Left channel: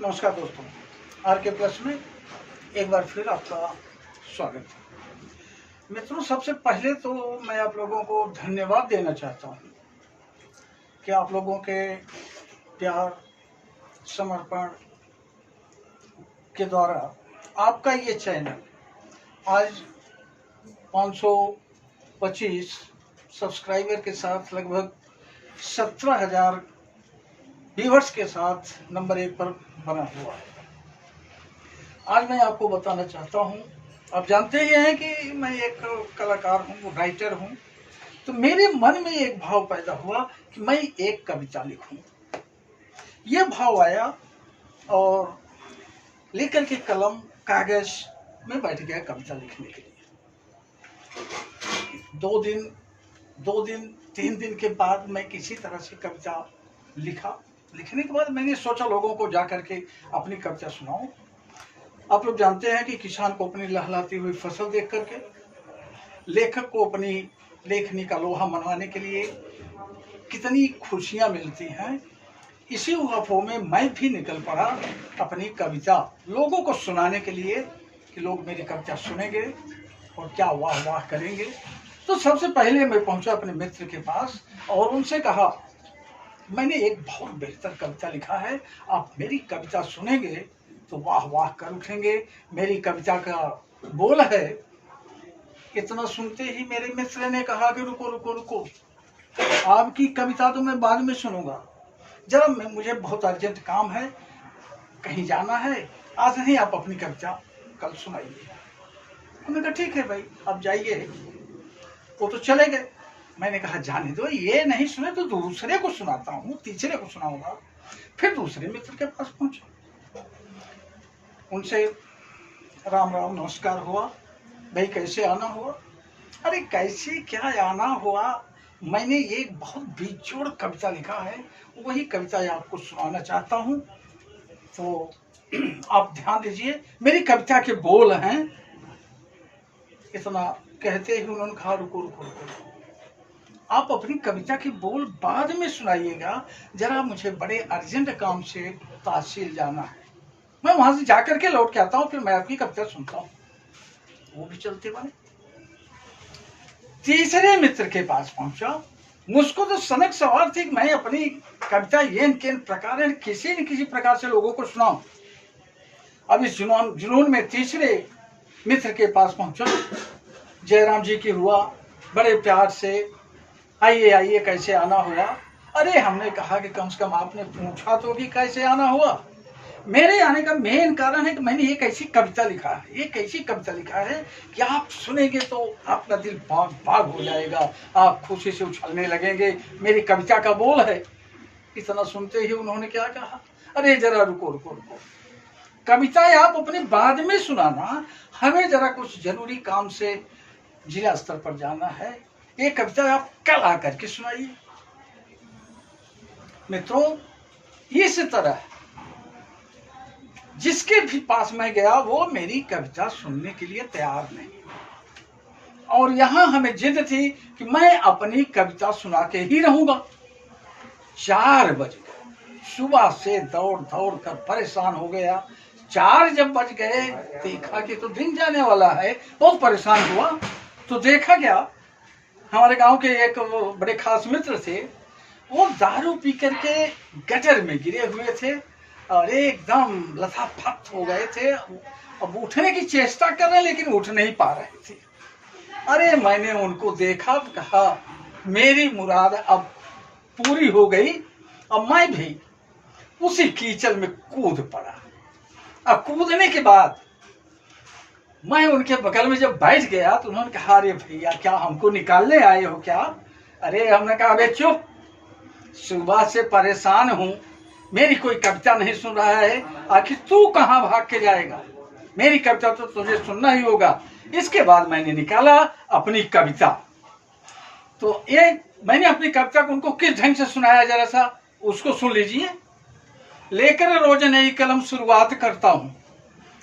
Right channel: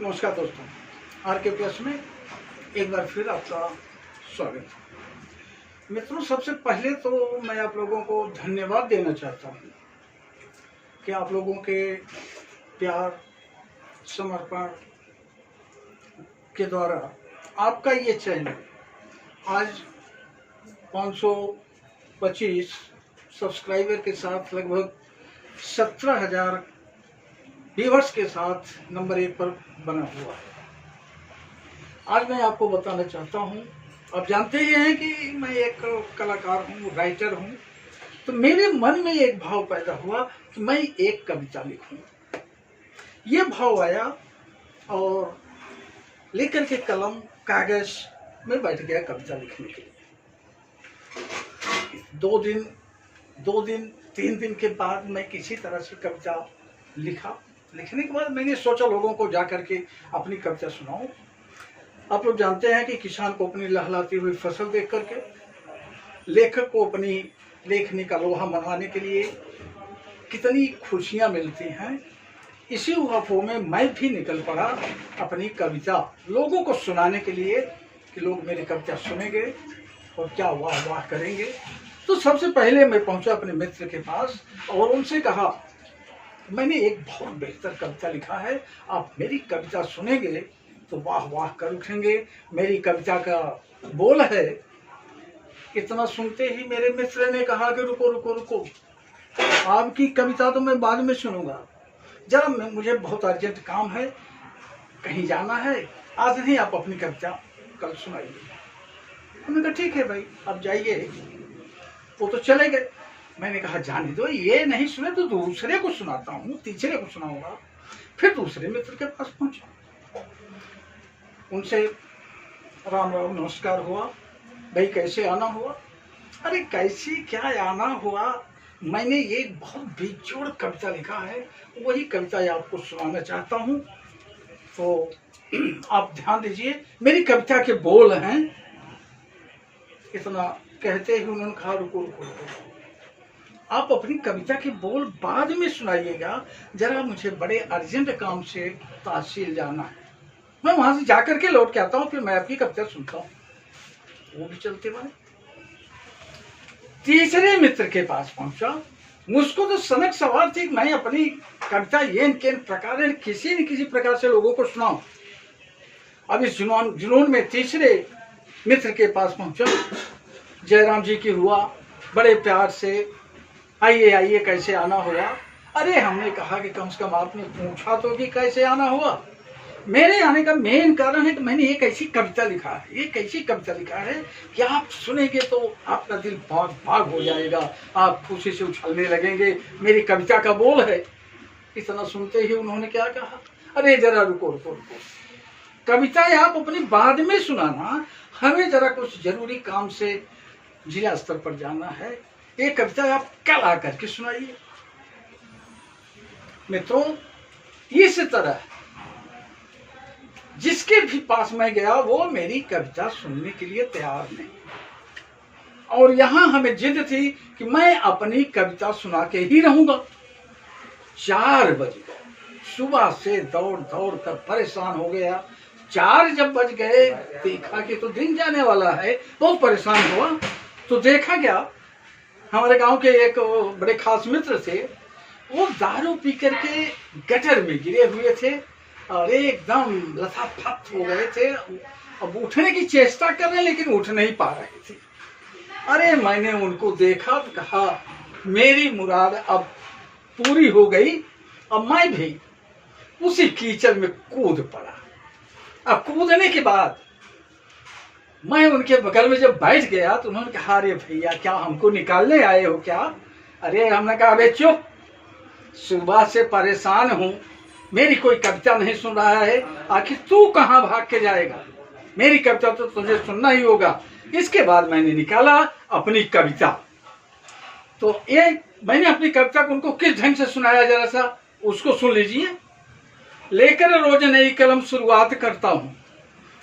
नमस्कार दोस्तों, आर के प्लस में एक बार फिर आपका स्वागत है। मित्रों, सबसे पहले तो मैं आप लोगों को धन्यवाद देना चाहता हूँ कि आप लोगों के प्यार समर्पण के द्वारा आपका ये चैनल आज 525 सब्सक्राइबर के साथ लगभग 17,000 व्यूअर्स के साथ नंबर 1 पर बना हुआ है। आज मैं आपको बताना चाहता हूँ, आप जानते ही हैं कि मैं एक कलाकार हूँ, राइटर हूँ, तो मेरे मन में एक भाव पैदा हुआ कि मैं एक कविता लिखूँ। ये भाव आया और लेकर के कलम कागज में बैठ गया कविता लिखने के लिए। 2 दिन 3 दिन के बाद मैं किसी तरह से कविता लिखने के बाद मैंने सोचा लोगों को जा करके अपनी कविता सुनाऊं। आप लोग जानते हैं कि किसान को अपनी लहलहाती हुई फसल देख करके लेखक को अपनी लेखनी का लोहा मनवाने के लिए कितनी खुशियां मिलती हैं। इसी उहापों में मैं भी निकल पड़ा अपनी कविता लोगों को सुनाने के लिए कि लोग मेरी कविता सुनेंगे और क्या वाह वाह करेंगे। तो सबसे पहले मैं पहुंचा अपने मित्र के पास और उनसे कहा, मैंने एक बहुत बेहतर कविता लिखा है, आप मेरी कविता सुनेंगे तो वाह वाह कर उठेंगे। मेरी कविता का बोल है। इतना सुनते ही मेरे मित्र ने कहा कि रुको रुको रुको, आपकी कविता तो मैं बाद में सुनूंगा, जरा मुझे बहुत अर्जेंट काम है, कहीं जाना है, आज नहीं, आप अपनी कविता कल सुनाइए। मैंने कहा ठीक है भाई, आप जाइए। वो तो चले गए। मैंने कहा जाने दो, ये नहीं सुने तो दूसरे को सुनाता हूँ, तीसरे को सुनाऊंगा। फिर दूसरे मित्र के पास पहुंचा, उनसे राम राम नमस्कार हुआ। भाई कैसे आना हुआ? अरे कैसे क्या आना हुआ, मैंने एक बहुत बेजोड़ कविता लिखा है, वही कविता आपको सुनाना चाहता हूँ। तो आप ध्यान दीजिए, मेरी कविता के बोल हैं। इतना कहते ही उन्होंने कहा रुको रुको रुको, आप अपनी कविता के बोल बाद में सुनाइएगा, जरा मुझे बड़े अर्जेंट काम से तहसील जाना है, मैं वहां से जाकर के लौट के आता हूँ, फिर मैं आपकी कविता सुनता हूँ। वो भी चलते बने। तीसरे मित्र के पास पहुंचा, मुझको तो सनक सवार थी कि मैं अपनी कविता ये प्रकार किसी न किसी प्रकार से लोगों को सुनाऊं। अब इस जुनून में तीसरे मित्र के पास पहुंचा। जयराम जी की हुआ, बड़े प्यार से आइए आइए कैसे आना हुआ। अरे हमने कहा कि कम से कम आपने पूछा तो कि कैसे आना हुआ। मेरे आने का मेन कारण है कि मैंने एक ऐसी कविता लिखा है, एक ऐसी कविता लिखा है कि आप सुनेंगे तो आपका दिल बाग बाग हो जाएगा, आप खुशी से उछलने लगेंगे। मेरी कविता का बोल है। इतना सुनते ही उन्होंने क्या कहा, अरे जरा रुको रुको रुको, कविताएं आप अपने बाद में सुनाना, हमें जरा कुछ जरूरी काम से जिला स्तर पर जाना है, ये कविता आप कल आकर के सुनाइए। मित्रों, इस तरह जिसके भी पास मैं गया वो मेरी कविता सुनने के लिए तैयार नहीं, और यहां हमें जिद थी कि मैं अपनी कविता सुना के ही रहूंगा। 4 बज गए, सुबह से दौड़ दौड़ कर परेशान हो गया। 4 जब बज गए, देखा कि तो दिन जाने वाला है, बहुत परेशान हुआ। तो देखा क्या, हमारे गांव के एक बड़े खास मित्र थे, वो दारू पी करके गटर में गिरे हुए थे और एकदम लथापथ हो गए थे। अब उठने की चेष्टा कर रहे लेकिन उठ नहीं पा रहे थे। अरे मैंने उनको देखा, कहा मेरी मुराद अब पूरी हो गई। अब मैं भी उसी कीचड़ में कूद पड़ा। अब कूदने के बाद मैं उनके बगल में जब बैठ गया तो उन्होंने कहा, अरे भैया क्या हमको निकालने आए हो क्या? अरे हमने कहा, अबे चुप, सुबह से परेशान हूं, मेरी कोई कविता नहीं सुन रहा है, आखिर तू कहां भाग के जाएगा? मेरी कविता तो तुझे सुनना ही होगा। इसके बाद मैंने निकाला अपनी कविता। तो ये मैंने अपनी कविता को उनको किस ढंग से सुनाया, जरा सा उसको सुन लीजिए। लेकर रोज नई कलम शुरुआत करता हूँ,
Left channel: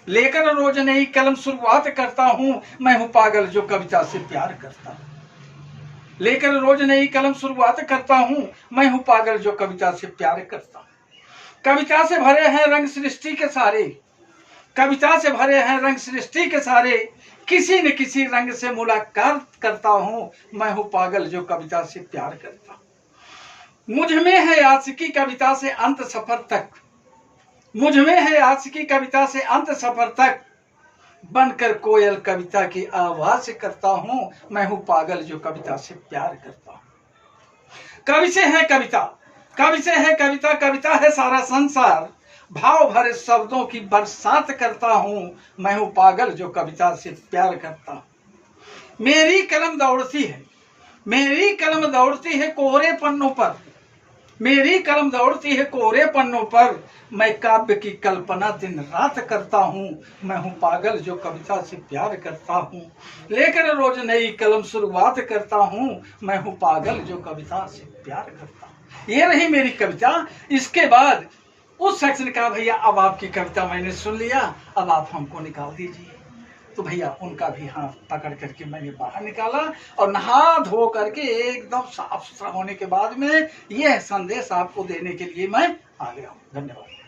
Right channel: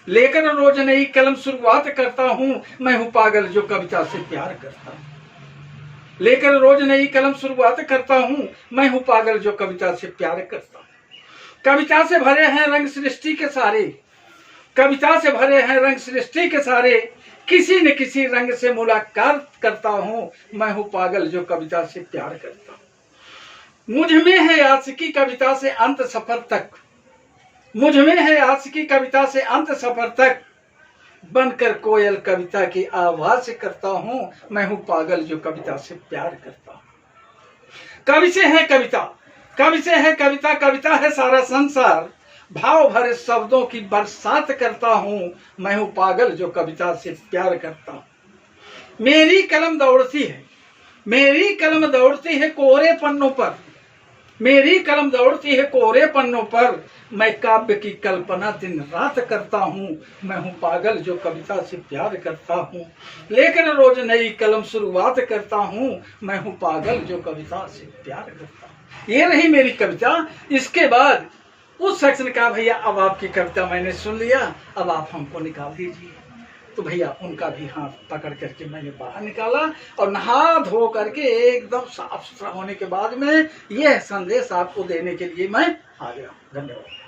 लेकर रोज नई कलम शुरुआत करता हूँ, मैं हूँ पागल जो कविता से प्यार करता हूँ। लेकर रोज नई कलम शुरुआत करता हूँ, मैं हूँ पागल जो कविता से प्यार करता हूँ। कविता से भरे हैं रंग सृष्टि के सारे, कविता से भरे हैं रंग सृष्टि के सारे, किसी न किसी रंग से मुलाकात करता हूँ, मैं हूँ पागल जो कविता से प्यार करता हूँ। मुझ में है आशिकी कविता से अंत सफर तक, मुझ में है आशिकी कविता से अंत सफर तक, बनकर कोयल कविता की आवाज करता हूँ, मैं हूँ पागल जो कविता से प्यार करता हूँ। कवि से है कविता, कवि से है कविता, कविता है सारा संसार, भाव भरे शब्दों की बरसात करता हूँ, मैं हूँ पागल जो कविता से प्यार करता हूँ। मेरी कलम दौड़ती है, मेरी कलम दौड़ती है कोरे पन्नों पर, मेरी कलम दौड़ती है कोरे पन्नों पर, मैं काव्य की कल्पना दिन रात करता हूँ, मैं हूँ पागल जो कविता से प्यार करता हूँ। लेकर रोज नई कलम शुरुआत करता हूँ, मैं हूँ पागल जो कविता से प्यार करता हूँ। ये रही मेरी कविता। इसके बाद उस शख्स ने कहा भैया अब आपकी कविता मैंने सुन लिया, अब आप हमको निकाल दीजिए। तो भैया उनका भी हाथ पकड़ करके मैंने बाहर निकाला और नहा धो करके एकदम साफ सुथरा होने के बाद में यह संदेश आपको देने के लिए मैं आ गया। धन्यवाद।